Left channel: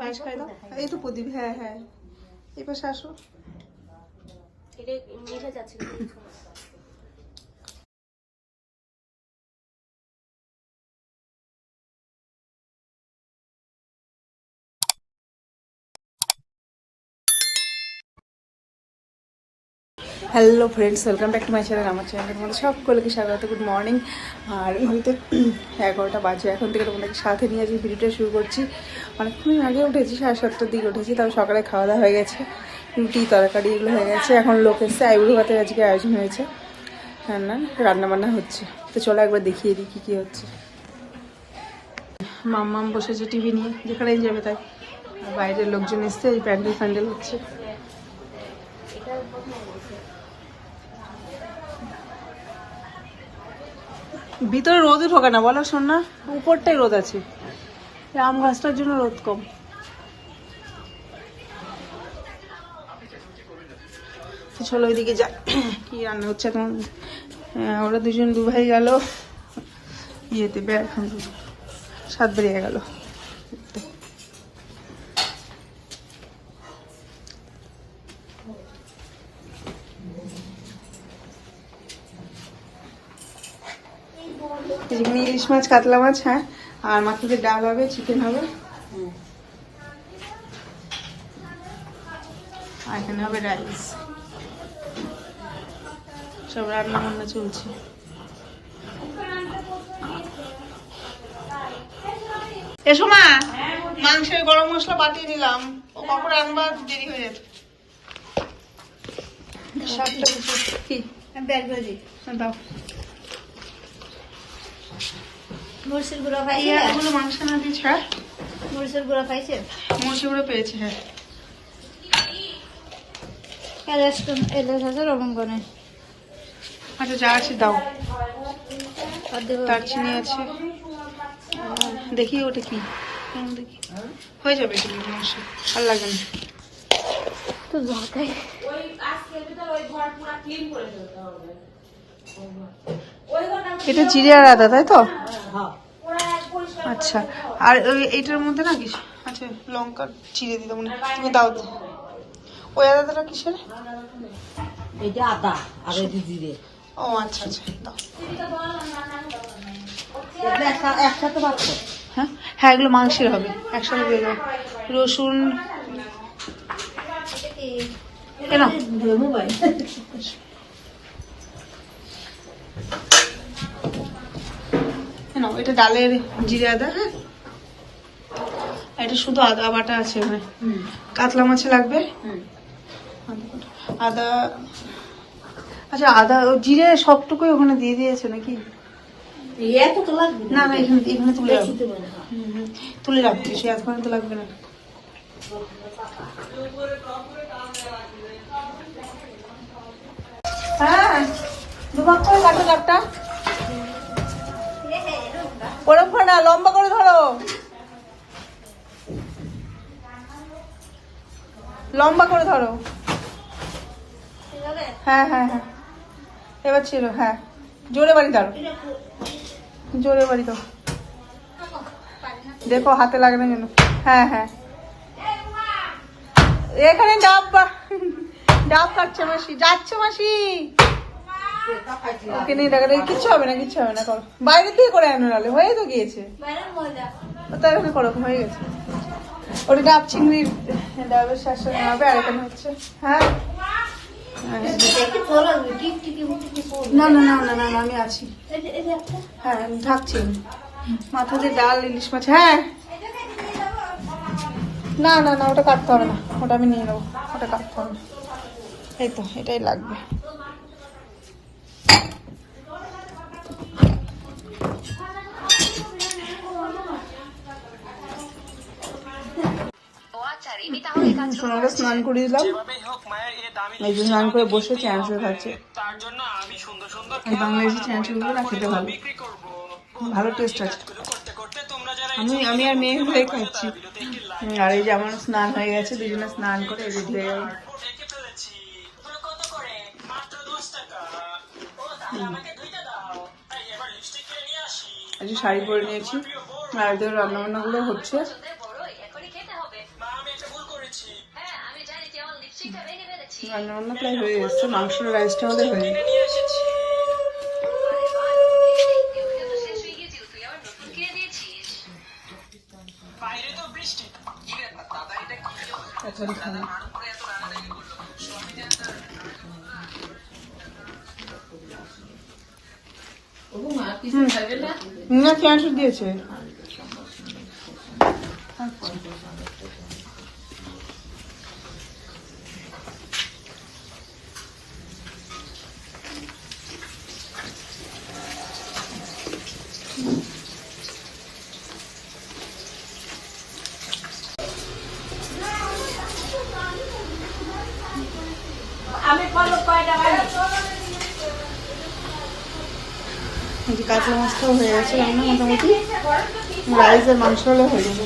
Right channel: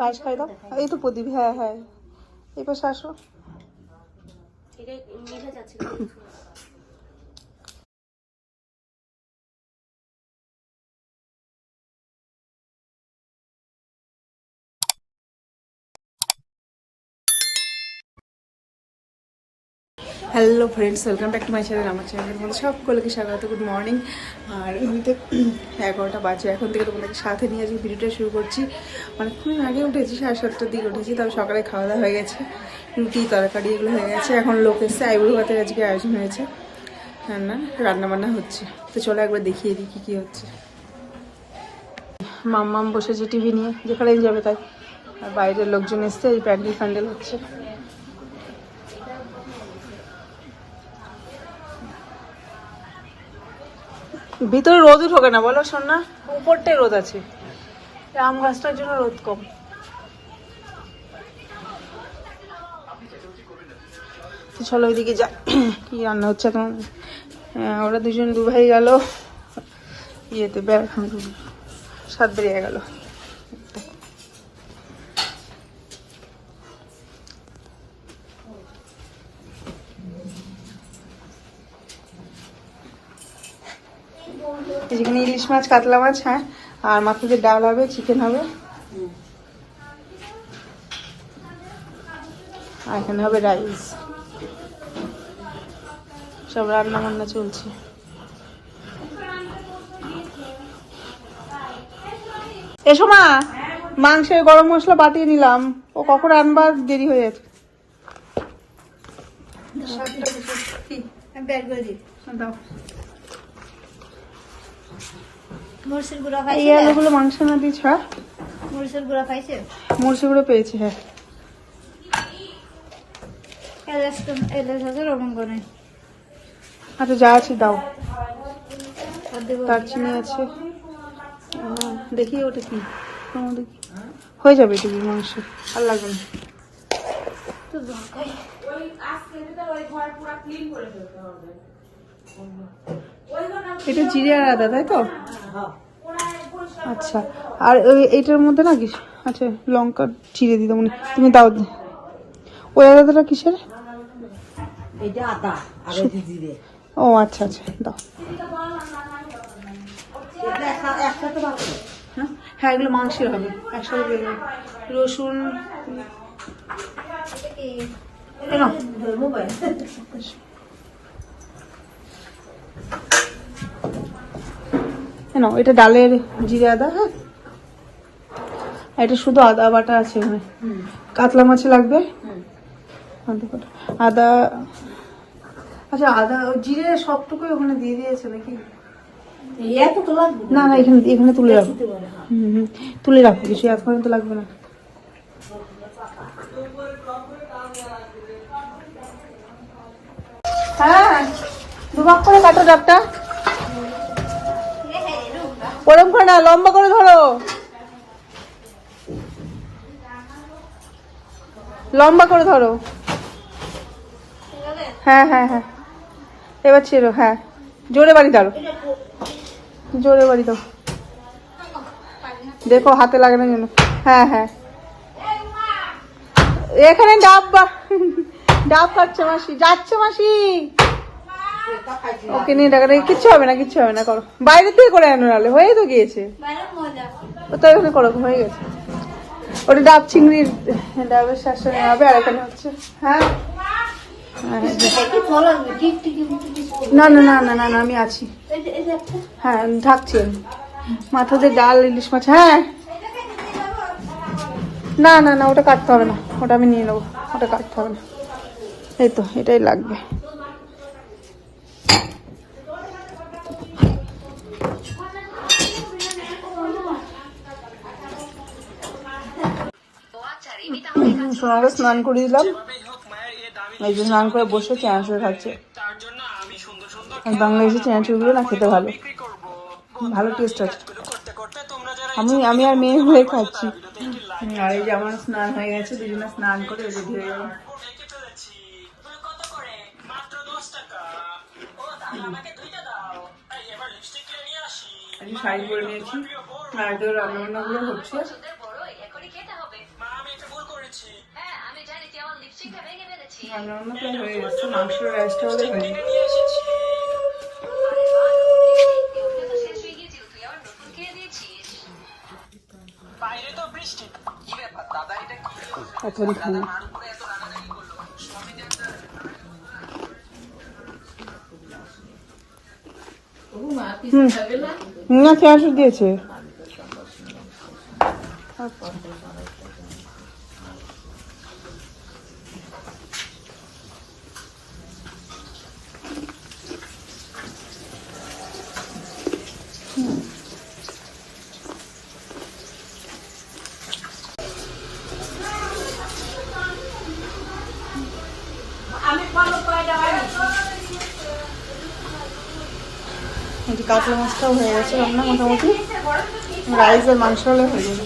পায়েস খাই দাও। এই তো প্রদীপ, হ্যাঁ হ্যাঁ, এই পাশে আসো। Hello friends, welcome back to my channel. আমার চ্যানেলের মধ্যে সকলকে স্বাগত। Good morning. আর ঘড়িতে 11টা বাজে। এখন থেকে তোমাদেরকে সাথে নিয়ে আজকে ভিডিওটা শুরু করছি। অনেকক্ষণ আগে উঠেছি, 7:30টার দিকে উঠেছি। তবে সকালে খাওয়া দাওয়া হয়ে গেছে, রুটি তরকারি এগুলো হয়ে গেছে। এখন লোক এসছে, আইবুড়ো ভাতের আজকে আয়োজন হয়েছে, রান্না বান্না হচ্ছে। তো চলো একবার দেখিয়ে দিই কী কী হচ্ছে। মাম্মাম বসেছে টিভি নিয়ে, যেখানেই যাবে তাই। আর বাইরের লোকজন এসছে, এই প্যান্ডেল ফ্যান্ডেল হচ্ছে। ভিতরে রোদই ঠোকে না বলো সোনা, উপরটাই রোদ আছে। আম গাছটার জন্য রোদ কম। চলো ওইদিকে যা, কি রান্না হচ্ছে এখন। ওরা দু ভাই গেল ইয়েতে, এখন 7 বেরিয়ে গেল। যেখানে ইলিশ মাছ, কাতলা মাছ, হ্যাঁ, আর মাছের ডাল হবে, চিকেন হবে, আর এখানে হবে রাইস। সব রান্না বান্না চলছে। এসো মা, মাংসের গরম মশলা পাঠিয়ে দিলাম। ও কখন আনবার, দেরি হয়ে যাচ্ছে। দাও মরিচের গুঁড়া পাইছে, এগুলো মাংস না দিয়েছ? হ্যাঁ, মরিচের গুঁড়া পাইছে, মরিচের গুঁড়ো পেয়েছি। হ্যাঁ, রবঙ্গনে। আচ্ছা যা আছে দাও। দারচিনি আছে, দেখি ওটা কি, দেখি হয়ে যাবে এটুকু মাংস, আর লাগবে না। এটা জিরে আর আদা, তাই তো? আচ্ছা, আর এইটার মধ্যে না কিছু আচ্ছা, লঙ্কা চিড়ে দিতে মনে, তুমি দাও। ওই আদাটা কিসের? এটা আদা আর এই জিরে। ও আচ্ছা আচ্ছা, দাও। একসাথে বাড়ছে। হ্যাঁ হ্যাঁ, এগুলো মাংসের হবে, একসাথে দিয়ে দেবো। রসুন কেন, এটা ডালের জিরে আদা। হ্যাঁ, এটা শুধু আদা বাটা আছে। হ্যাঁ, কাতলা মাছে লাগবে আদা। আচ্ছা, আদা জিরে সবটুকুই ওখানে দিয়ে দিয়েছে নাকি? না না, এখানে তুলে রাখবো। তুলে রাখবো, কিছু এখন তো লাগবে না। হ্যাঁ, দুভাগ করে কাটো ডাবটা, ওরম করে না, লম্বা করে ধরো, লম্বা করে ধরো। হ্যাঁ হ্যাঁ হ্যাঁ, এবার ছিল। হ্যাঁ, জোরে বাড়ি দাও, জোরে বাড়ি দাও, দেখো হাতে লাগে না যেন। হ্যাঁ হ্যাঁ, এখানে ডাব ডাব খাচ্ছে মাসি, যাচ্ছে মাসি। ওকে নিয়ে টাকা নেই, কিচ্ছু হবে না, কিচ্ছু হবে না, করো। বাইরে থেকে করে আনো, নাহলে হয়ে তো গিয়েছে, তো এখানে করো, হয়ে গেছে। ওটা ডাব চিংড়ির, ডাবের শাসন হবে। আর এখানে হচ্ছে, হ্যাঁ না না না না না না, আমি আছি। হ্যাঁ, ঢাকছি আমি। মাথাতে ডাল, ইলিশ মাছ। হ্যাঁ, না না না, ওটা কাটতে হবে না, ওটা আমি নিয়ে নেবো, ওটা কাটতে হবে না। এই তো, এটাই লাগবে। সোনাকে স্নান করিয়ে দিলাম, এই যে স্নান করে বসে চ্যান্সেল খাচ্ছে। বাংলাদেশি চ্যান্সেলগুলো না খেতে ভালো, ভালো টেস্ট আছে। আমি আর মেয়ে হয়ে খাচ্ছি। আর এই যে আমার স্নান হয়ে গেছে, দুজনে স্নান করে রেডি হয়ে গেল। শাড়ি পরে নিয়েছি, আর এদের রান্নাবান্নাগুলো হচ্ছে। রান্না বান্না প্রায় হয়ে গেছে, মাংসের রাইসটা হলে হয়ে যাবে। না চাষ দিয়েছে কাতলা মাছটাও হয়ে গেছে রান্না মোটামুটি, রাইস আর মাংস হলে হয়ে যাবে।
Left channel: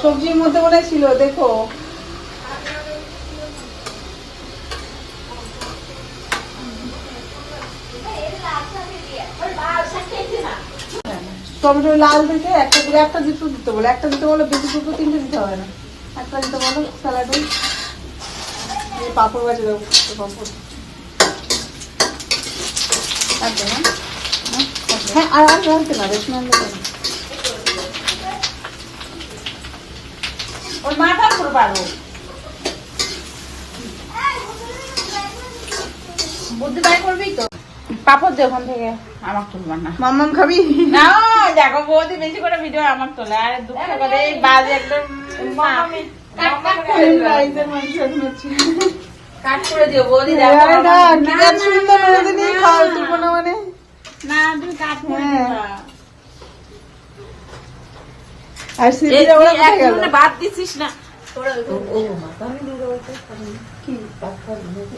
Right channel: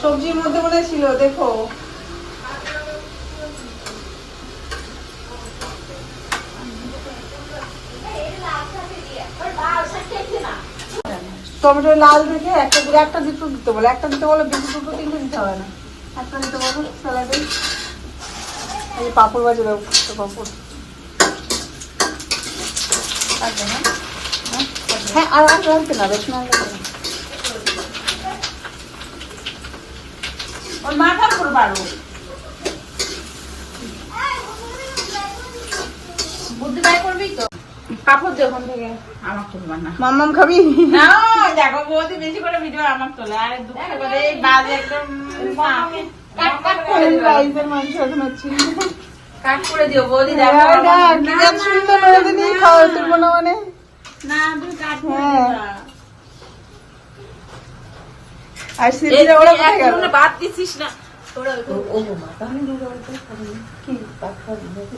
সবজির মধ্যে মনে ছিল, দেখো টমেটো লাল দেখে একটা করে একটা দুটো দিতে বলে, একটা দিতে বলো, বেশি দুটো তিনটে দিতে হবে না, একটা দিতে বলো স্যালাডে। এই পাঁপড় বাজে দেবো, পাঁপড়। হ্যাঁ আর আর রাখতে না, বেশি না ওর মাথা করে পারবো বুদ্ধি বাই করবি তো। কাপড় দে ওখান থেকে, আমার তুলবার না। মাম্মাম খাবি না দেখো বৌদি বেশি করে ভিডিও আমার তোলে, আর দুঃখ করে এই বাজ একদম রাইসের মাংস এখন হচ্ছে। কাট করে দিও বৌদি। সুন্দর নদিনী খাওয়া তুলবো না মানে না তুমি কাট করে হ্যাঁ। দিবা। আর সিরিজে ওরা কোথায় গেল? বাদ দিছিস না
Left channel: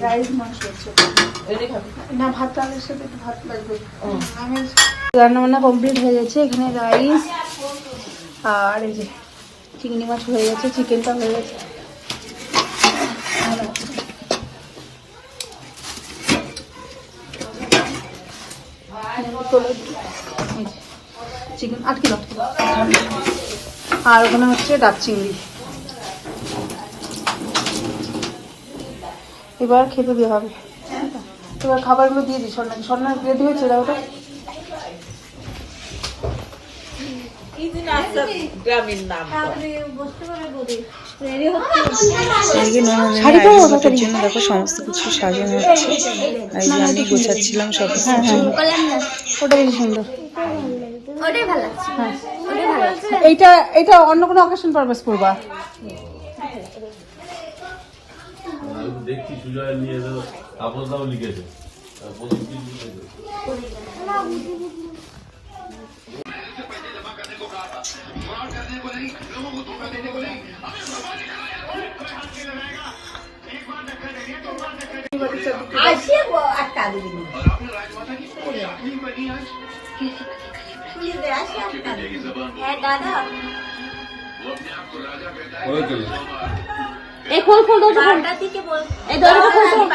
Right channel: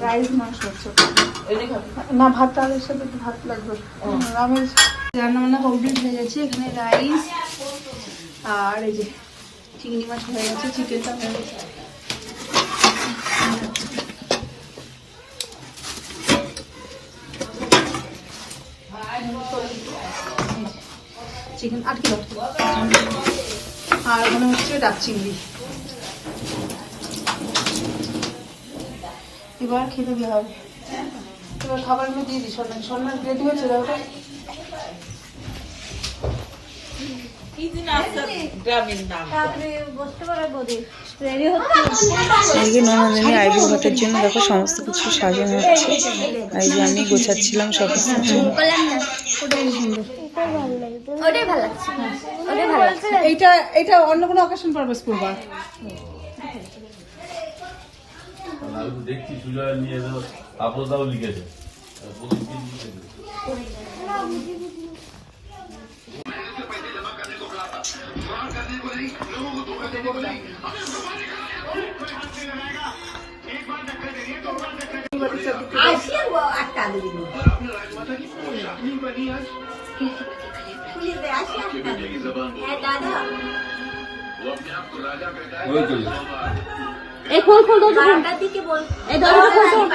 রাইস মাংস হচ্ছে না, ভাত তালের সাথে একটু ভাত লাগবে। আমি রান্না বান্না কমপ্লিট হয়ে গেছে, এখানে রাইস আর এই যে চিংড়ি মাছ হয়ে গেছে, চিকেনটা হয়ে গেছে। চিকেন আর কি, আর ওখানে হচ্ছে ডাব চিংড়ি। এবার খেতে দিয়ে হবে, এবার খাবারগুলো দিয়ে দিই। সন্ন্যাস রেডি হয়েছে না ওটা? এদিকে ননদিনী আইবুড়ো ভাতের জন্য দেখো সমস্ত কিছু সাজানো হচ্ছে, আর এই যে আমি গোছাচ্ছিলাম সব কিছু। ওটা বেশি সুন্দর, এইটা এটা অন্য কোনো অকেশন পারপাস করবা। দেখছি সুজয় নিয়ে এলো, আপদাও লিখেছে। এই খোল খোল দরজা খোল, এই দরজা খোল,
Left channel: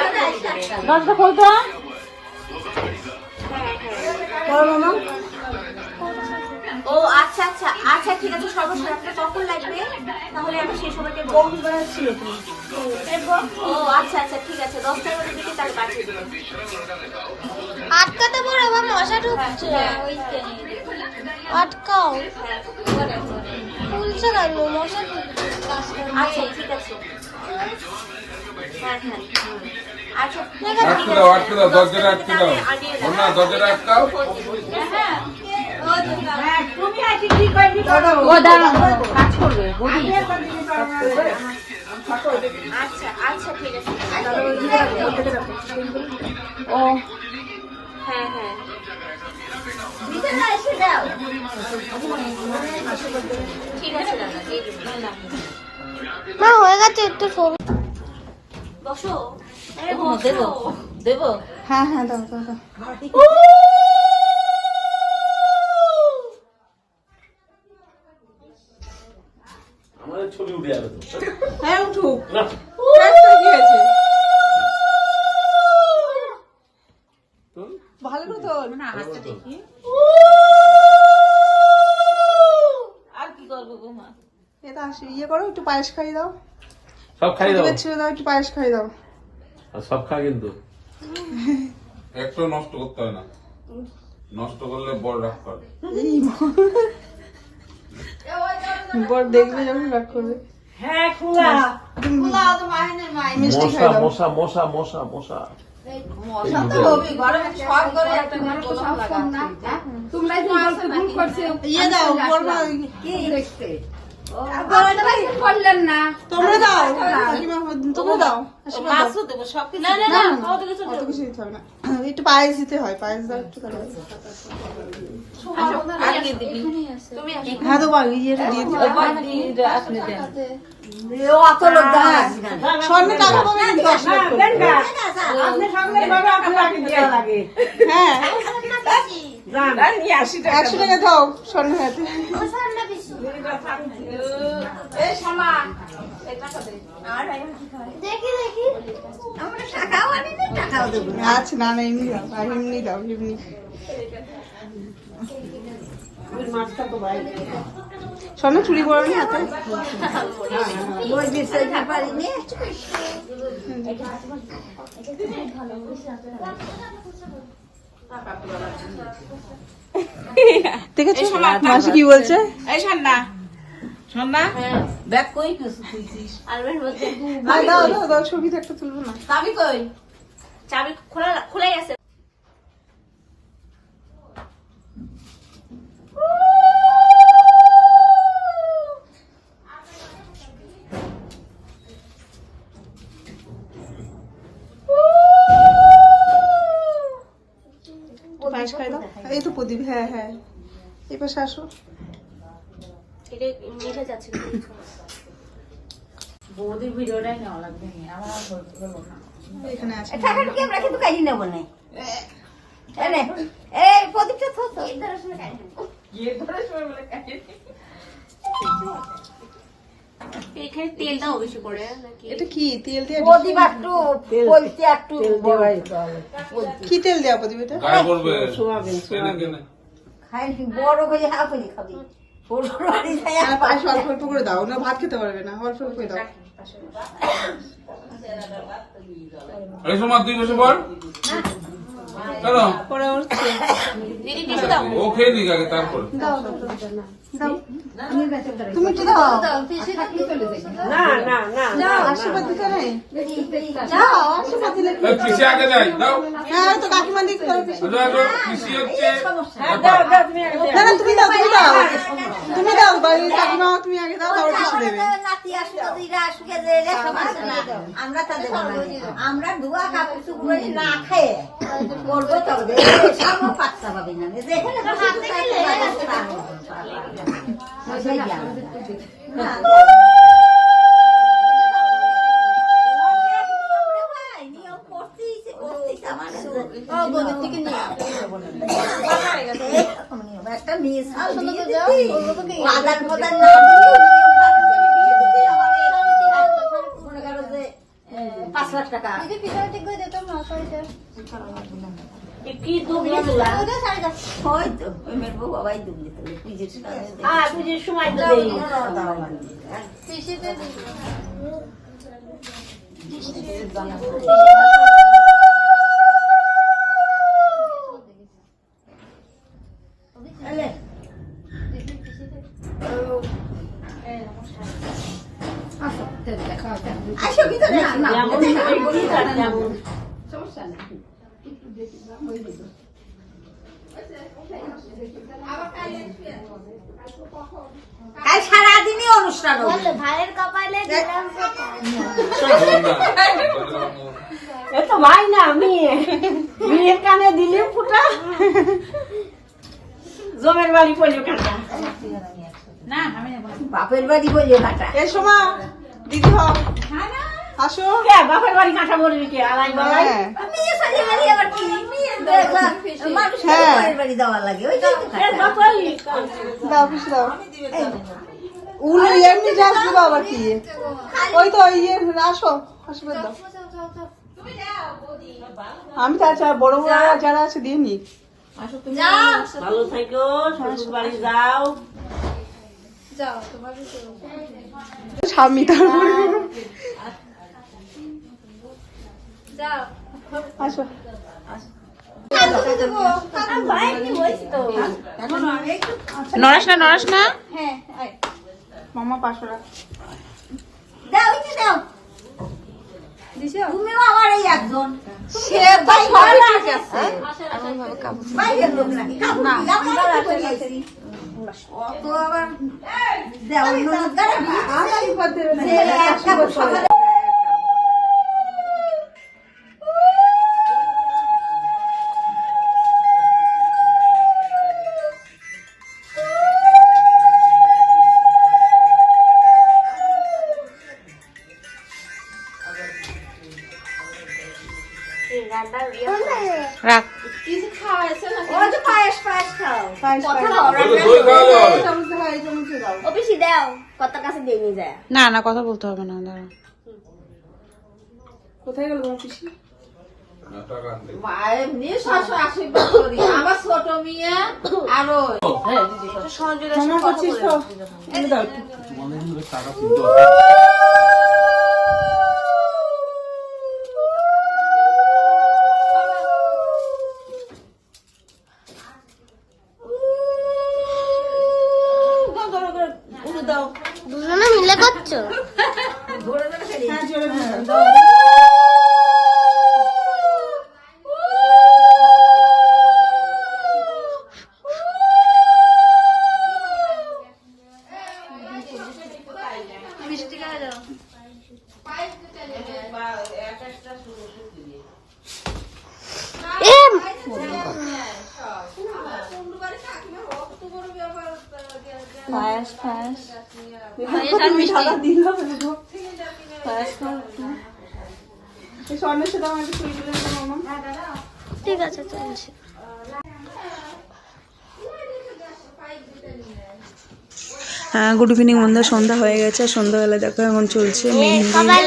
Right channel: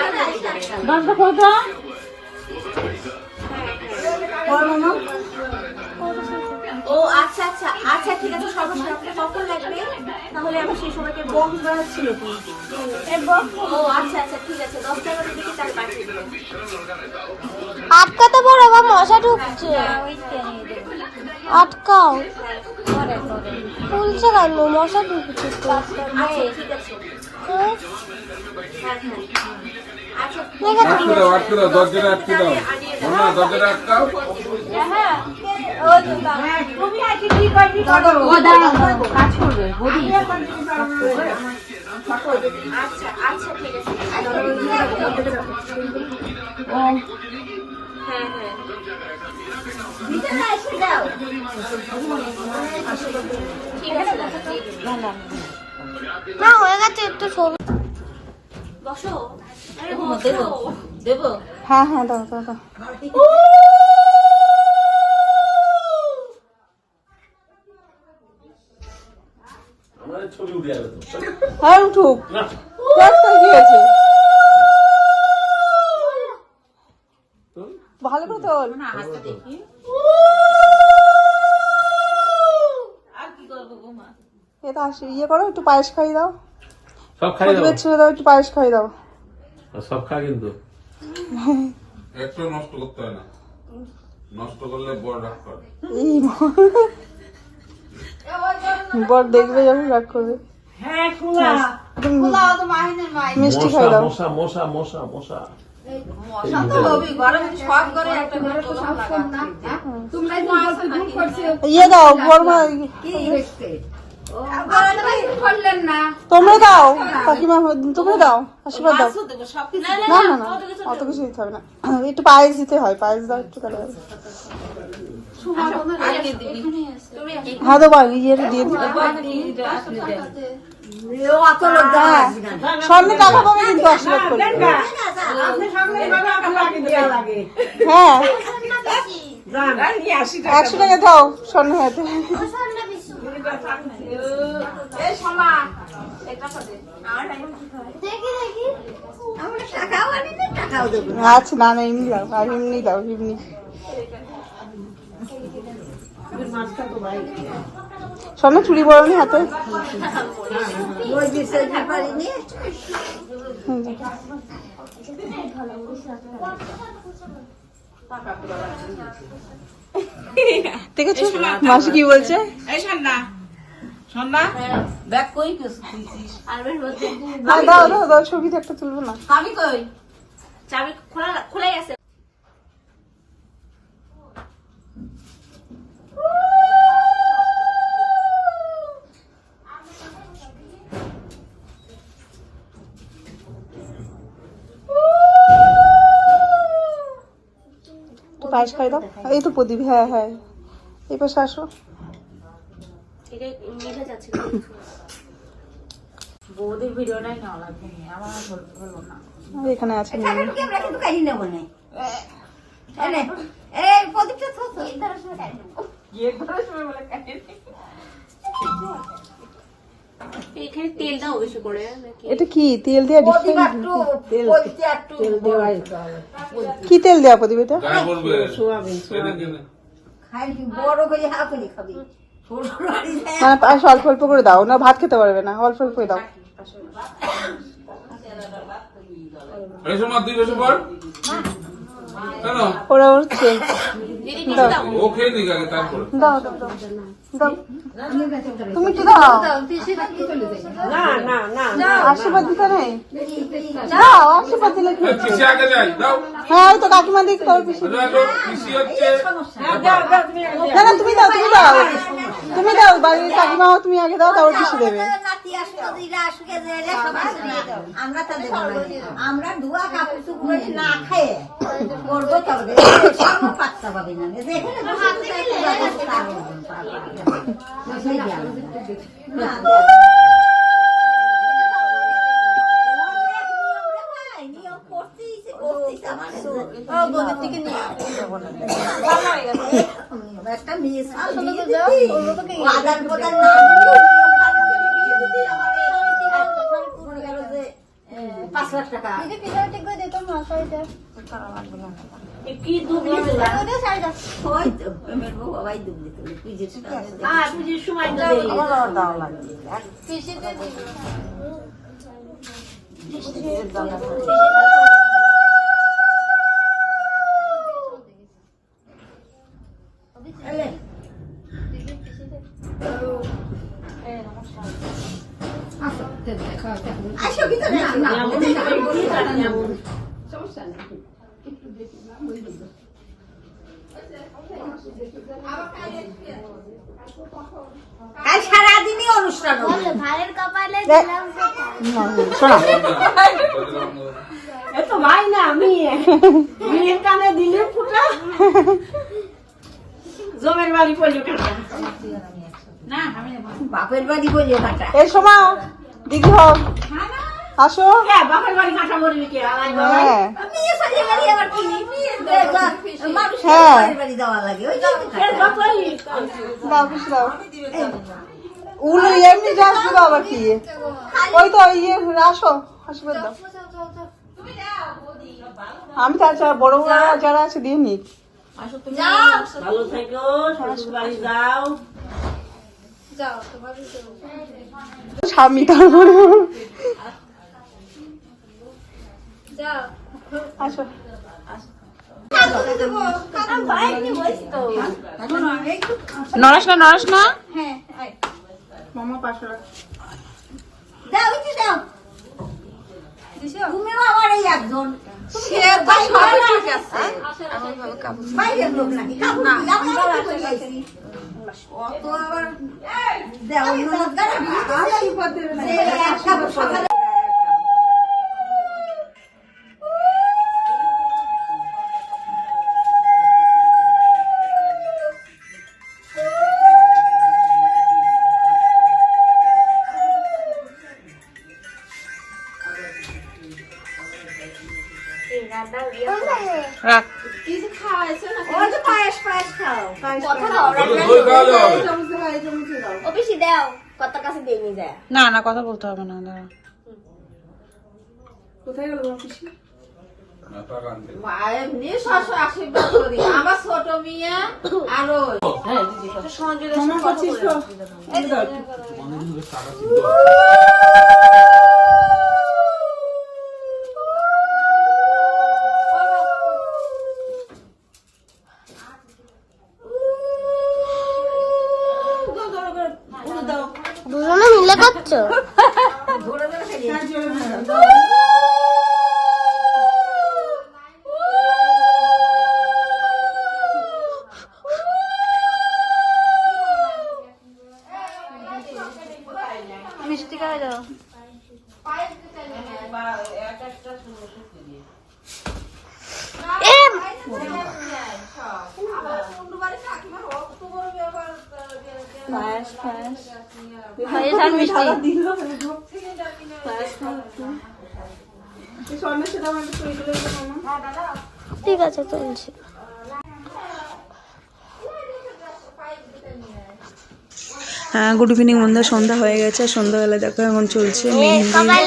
দরজা খোল তো। ও আচ্ছা আচ্ছা আচ্ছা ঠিক আছে, সর্বশেষ আপনার কখন লাগবে তাহলে আমি সেই সময়কে বন্ধুরা ছিল। ও আচ্ছা আচ্ছা ঠিক আছে, 10-11 দিকে তার পাঠিয়ে দেবেন। আটকাতে পারো, আমার মশা ঢুকছে, আটকাও। খুলছে কেন, মশা ঢুকছে। আচ্ছা ঠিক আছে, হ্যাঁ হ্যাঁ আচ্ছা আটকে দাও, আটকে দাও, দরজাটা আটকে দাও, না দরজাটা আটকাও। তুমি আছি ঠিক হয়, ঠিক আছে ও দাঁড়া কাজ করবে বডি। আচ্ছা আচ্ছা ঠিক আছে, ও হ্যাঁ হ্যাঁ ভিতরে এসে দাও। ঠিক আছে দাদা, দিয়ে দেব। না হয়ে গেছে, একটু সরু। বসো, আরে দেবো দেবো। হ্যাঁ হ্যাঁ দাও দাও দাও। আমাদের ছবি উঠে যাবে তো। হ্যাঁ উঠুক, না একটা কি আছে, ভালো করে তোল। এটা আসি ইয়ে করো, একটু পায়েস খাইয়ে দাও, সব খাই প্রদীপের ছেড়ে দাও, একটু পায়েস খাইয়ে দাও। সব খা কিন্তু একটু নষ্ট করতে হয় না, নষ্ট করলে বড় রাগ করে। এই বর দেখবে যখন রাগ করবে। মিষ্টি খাই দাও। মশা মশা মশা মশা ইয়ে দাও বর্মা, তোমরা দাও কাকিমা, তোমরা দাও, আশীর্বাদ দাও। না না না অত কিছু দিতে হবে না, একটু পায়েস দিতে হয়, পায়েস দাও একটু তাহলে। হ্যাঁ তো ভাই ইয়ে দিয়ে দিতে স্বর্ণ টাকা পাবে কিন্তু আশীর্বাদ করবে। হ্যাঁ 100 টাকা খাও স্বর্ণ হাতে। আচ্ছা না না এমনি দাও, আর এমনি দাও এমনি। স্বর্ণ চুড়ি পরনি হাতে? ঠিক আছে মাসি কি বলছে? দাও দাও দাও, ছবিতে একটা তুলবো না? চাবি খোলাই আছে। পায়েস খাই দাও। এই তো প্রদীপ, হ্যাঁ হ্যাঁ এই পাশে আসো। বৌদির ভিডিওটাই নেওয়া লাগবে, আমার হলো না। এখানে আছে এখানে তেল দাও বেশি করে নাকি? এটা কি তেল দেওয়া? কি তেল দেওয়া প্রদীপ এটা? গায়ে বলবে পায়েস অল্প অল্প করে দাও, না ভাত খেতে পারবে না, অল্প অল্প করে দাও। এই সময় তুই বসে পড় কেন? ওরা উঠছে। ও খেয়ে নিক আগে, তারপর দাও দাও দাও দাও, তুমি কি দাও? আশীর্বাদ দিতে নেই? দাও আশীর্বাদ দিলে কি? পিসি আগে যাই দাও। হ্যাঁ ওই তো কাকিমা দিক করো পিছু। পিসি হচ্ছে না না তুমি দাও, তুমি দাও, তুমি দাও, বাড়ির কাকিমাও তুমি আগে দাও, তারপর পিছু দেবে। আমরা ধোয়া কাপড় চুপড়ে না খেয়ে করবো তবে পাত্তা পাবে না একটা নিয়ে আদান প্রদান না 5 লাখ টাকা কি দুবলি তোলা? হয়তো আমার বউ বাবাই দুবলি তোলে পুজোর পুজোর সময় তো আমার দাও লাগবে আসো ভিতরে সমস্যা নেই। আজ সারাদিনই অনুষ্ঠান ভাইয়ের কপালে এত ভাই না মেয়ে, মেয়ের কানে দিলে ফুটা, জমের বাড়ি পড়লো কাটা। বাপের বাড়ি বলে কাটা এই সময় দিদি হোক আসো। বাপের বাড়ি কাটা বলবি কি? হ্যাঁ মেয়ে সাজে বাড়ি আবার কি মানুষ হ্যাঁ। বাপের বাড়ি যাওয়া লাগে ওই জন্য দাও পিছু দাও। উলো এমনি যাস দিল আবার কি? ওই তো ইয়ে আসো আশীর্বাদ দাও। আমি তার বড় বড় যারা আছে দিয়ে নিক। ভালো থেকো, শ্বশুর বাড়ি যাও। স্বামী তারপরে আসো নড়াস না মামা 500 টাকা দাও ইচ্ছে দাও তুমিও আমার এই একজন সে বাইরের লোক নাকি অত আবার দেও ননদ গাড়ি রাখ পায়েস খাও দই খাওয়া যাবে ও পিসি দাও কত কাছে দিয়ে নিয়ে যায় না না কথা বলতে হবে না, দাঁড়া। কোথায় গেল তোমার পিসি? না টাকা আনতে এমনি সবসময় আশীর্বাদ করি আমার ছোট মেয়ে আরো মামা করছিস তো মনে হচ্ছে টাকা ছিল দুজনে মিলে করছো? ঠিক আছে চলছে। গুড ইভিনিং বন্ধুরা, সন্ধ্যা হয়ে গেছে। সন্ধ্যাবেলা দেখো এখন চলছে মেহেন্দি,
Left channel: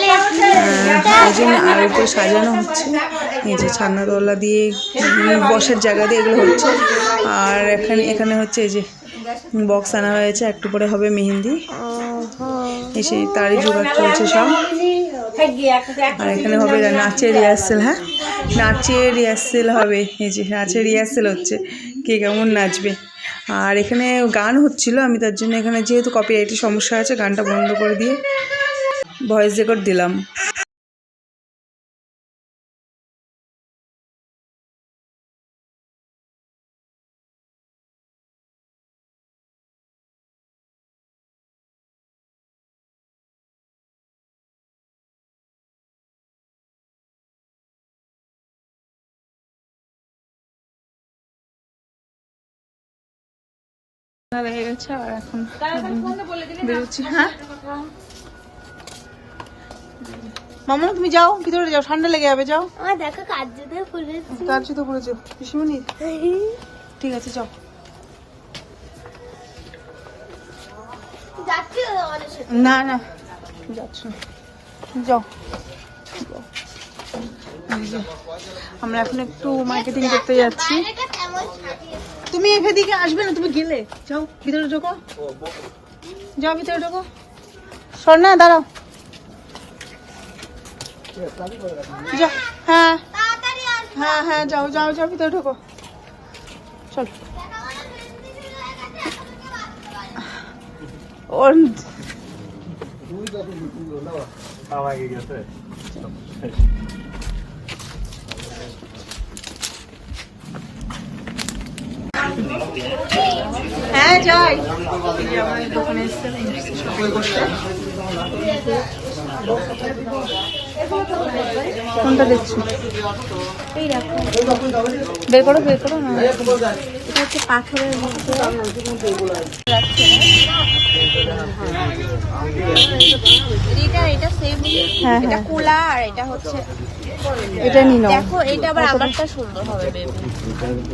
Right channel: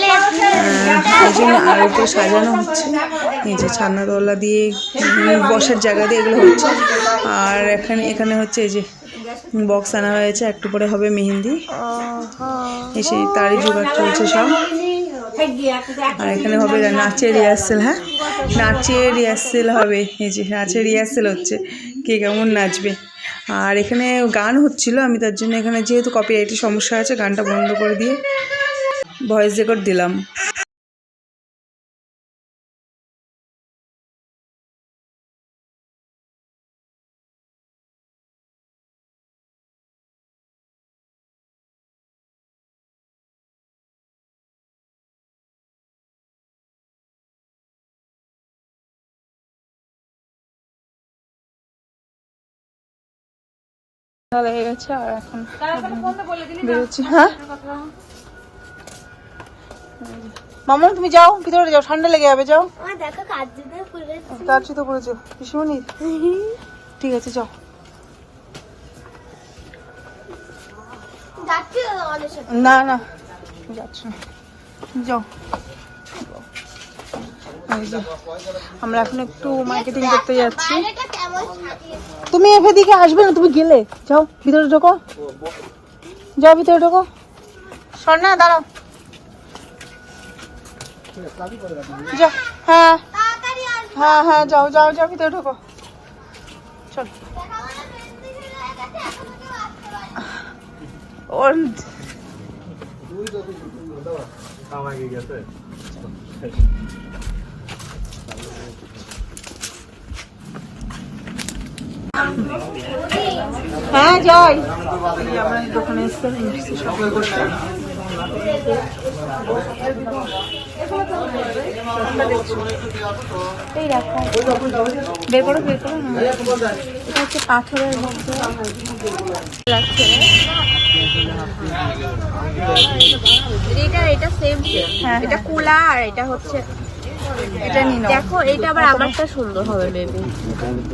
এই জন্য আর উপরে সাজানো হচ্ছে। এই যে ছান্নাতলা দিয়ে বসার জায়গা দিয়ে এগুলো হচ্ছে। আর এখানে হচ্ছে এই যে বক্স আনা হয়েছে, একটু পরে হবে মেহেন্দি, এসে তারই জোগাড় চলছে সব। আর এখানে হবে নাচের রিহার্সেল। হ্যাঁ, নাচের রিহার্সেল হবে। এই যে নাচের রিহার্সেল হচ্ছে, কে কেমন নাচবে। আর এখানে গান হচ্ছিল, আমি তার জন্য এখানে যেহেতু কপিরাইটের সমস্যা আছে গানটা বন্ধ করে দিয়ে ভয়েস রেকর্ড দিলাম। লেগে গেছে আর এখন বেরোচ্ছি। হ্যাঁ মামা তুমি যাও, ভিতরে যাও, ঠান্ডা লেগে যাবে, যাও। আমার দেখো কাজ জুতো পরে কার জুতো পরেছো পিসিমণি? ঠিক আছে যাও। যাচ্ছি আমাদের সাথে। না না যাচ্ছ না, যাও। এই যে, আমরা এখন একটু মার্কেটিং করতে যাচ্ছি। তুমি এদিকে আসবে না, তুমি গেলে যাও, ভিতরে ঢোকো, যাও ভিতরে ঢোকো। সর না, দাঁড়াও। যা, হ্যাঁ হ্যাঁ হ্যাঁ যাও যাও যাও, ভিতরে ঢোকো, চল। ওর হ্যাঁ যাই। এই যে আমার দোকানে এসে শপিং করতে। কোনটা দেখছি? এই দেখো, বের করো বের করো। হ্যাঁ এটা হচ্ছে পাথরের মধ্যে। এটা সেম, হ্যাঁ এটা হ্যাঁ কোলা আর এটা হচ্ছে এটা নিয়ে নাও। দেখো এটা আবার আমারটা সুন্দর হবে বেবি।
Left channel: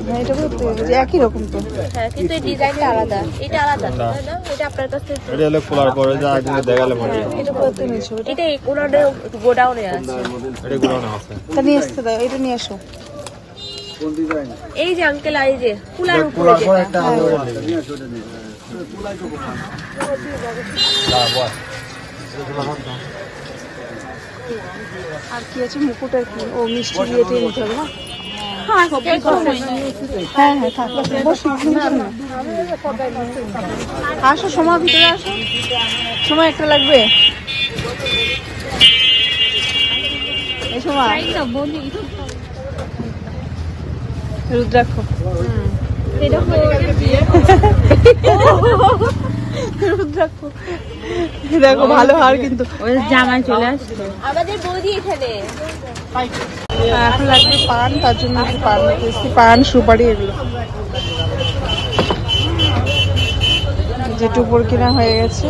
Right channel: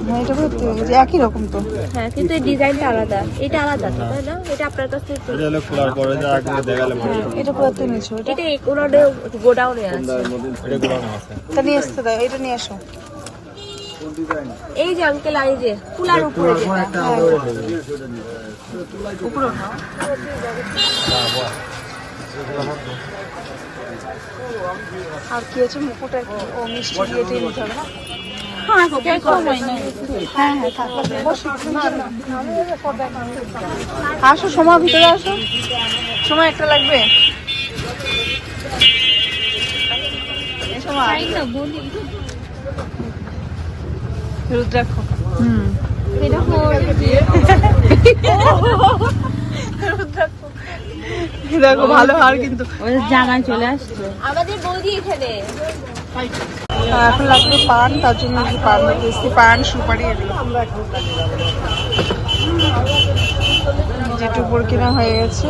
হ্যাঁ এটা তো একই রকম তো। হ্যাঁ কিন্তু এই ডিজাইনটা আলাদা, এটা আলাদা না, এটা আপনার কাছে এটা হলো খোলার পরে যা আগে দেখালাম এটা কোথায় নিয়েছো? এটা এই কোনারে গোডাউনে আছে। এটা গুড়ানো আছে। এটা নিয়ে আসতে দাও, এটা নিয়ে আসো। এই যে আঙ্কেল, এই যে কুলার উপরে যেটা। আর কি আছে মুকুট আর কি? ও মিষ্টি দিয়ে দিয়ে নিতে হবে না? হ্যাঁ হ্যাঁ থাক। বসো, আসো সময় ভিতরে আসো, সময় একটা লাগবে। রুদ্রাক্ষ দেখো ভালো হার কিন্তু জামাই চলে আসছে আমাদের বৌদি এখানে। এখন লাগবে পান, তার জন্য একটু পান নিতে এসেছি, পান সুপারি এগুলো যেটু উপর কিনা হয়ে গেছে।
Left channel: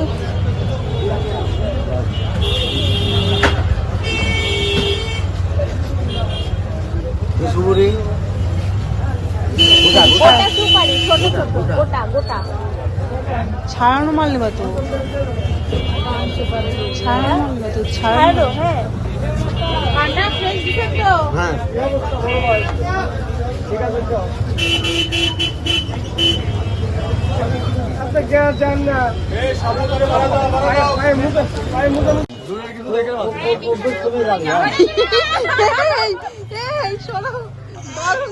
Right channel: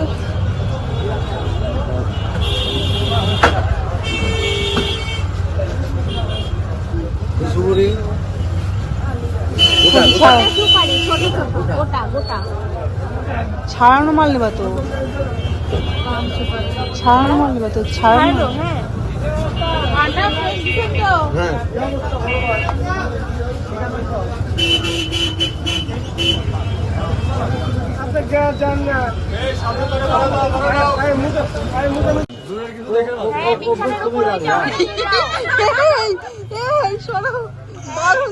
ছাড়ানো মাল নেবা তো, ছাড়ানো মাল নেবা তো, ছাড়ানো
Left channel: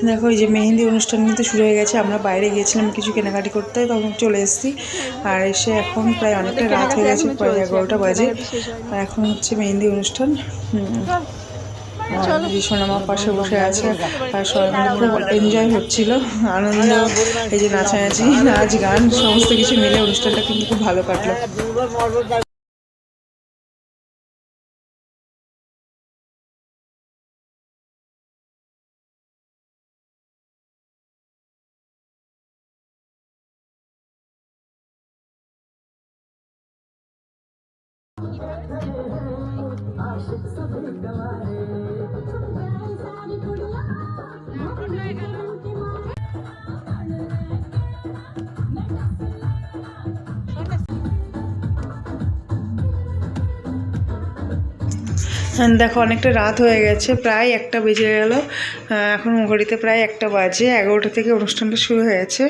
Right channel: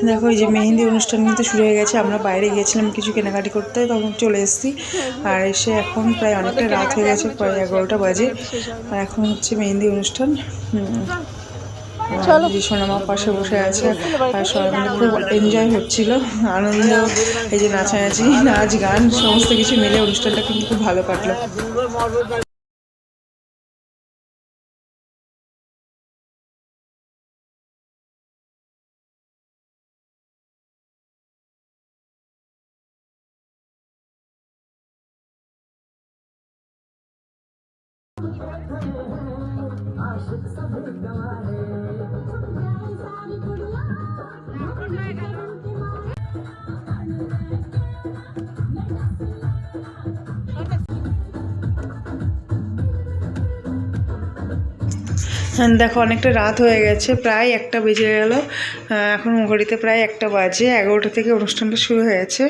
দেখো এই যে মেহেন্দি অনুষ্ঠান কিন্তু শুরু হয়ে গেছে। আমরা বাইরে গিয়েছিলাম কিছু কেনাকাটি করতে, তখন চলে এসেছি। আর এসে এখন প্রায় অনেকটা রাত হয়ে গেছে, প্রায় 11টা বাজে। আর এখন হচ্ছে মেহেন্দি অনুষ্ঠান। সোনামা পাশে বসে আছে আর সবাই মিলে খুব এনজয় হচ্ছিল, আনন্দ, এই যে নাচানাচি, নাচ গান সমস্ত কিছু মিলে অনুষ্ঠানটা কিন্তু খুব ভালো কাটলো। দেখো অনেকটা রাত হয়ে গেছে, প্রায় 1টা বেজে গেল। এখন ঘড়িতে প্রায় 1টা বাজে। 11টা থেকে অনুষ্ঠানটা শুরু হয়েছে,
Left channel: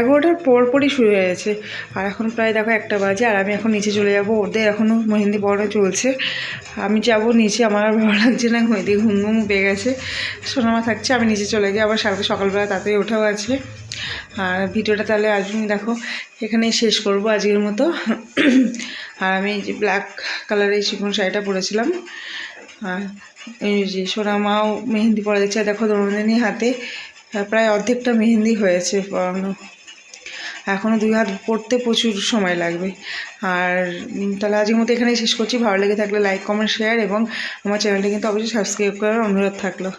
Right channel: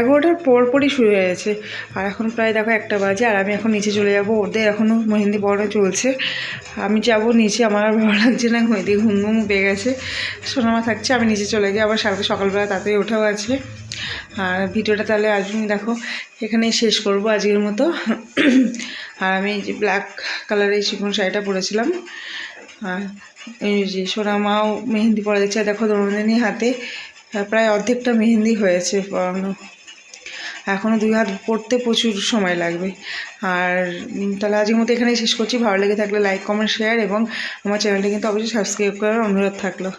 11টার পরপরই শুরু হয়েছে। আর এখন প্রায় দেখো 1টা বাজে। আর আমি এখন নিচে চলে যাব, ওদের এখনও মেহেন্দি পড়ানো চলছে। আমি যাব নিচে, আমার আর ভালো লাগছে না, মেহেন্দি ঘুম পেয়ে গেছে। সোনামা থাকছে, আমি নিচে চলে যাই। আবার সকালবেলা তাড়াতাড়ি ওঠাও আছে। আর ভিডিওটা তাহলে আজ দেখো এখানেই শেষ করব আজকের মতো। আর আমি যে ব্ল্যাক কালারের চিকন শাড়িটা পরেছিলাম। আর এই যে সোনামাও মেহেন্দি পরে দিচ্ছে, দেখো দোলনানি হাতে প্রায় অর্ধেকটা মেহেন্দি হয়েছে পরানো। এখনও 2 হাত পড়তে প্রচুর সময় লাগবে। আর তাহলে আজকের মতো এখানেই শেষ করছি। ভালো লেগে থাকলে লাইক, কমেন্ট, শেয়ার এবং আমার চ্যানেলটি কিন্তু অবশ্যই সাবস্ক্রাইব করার অনুরোধ থাকলো।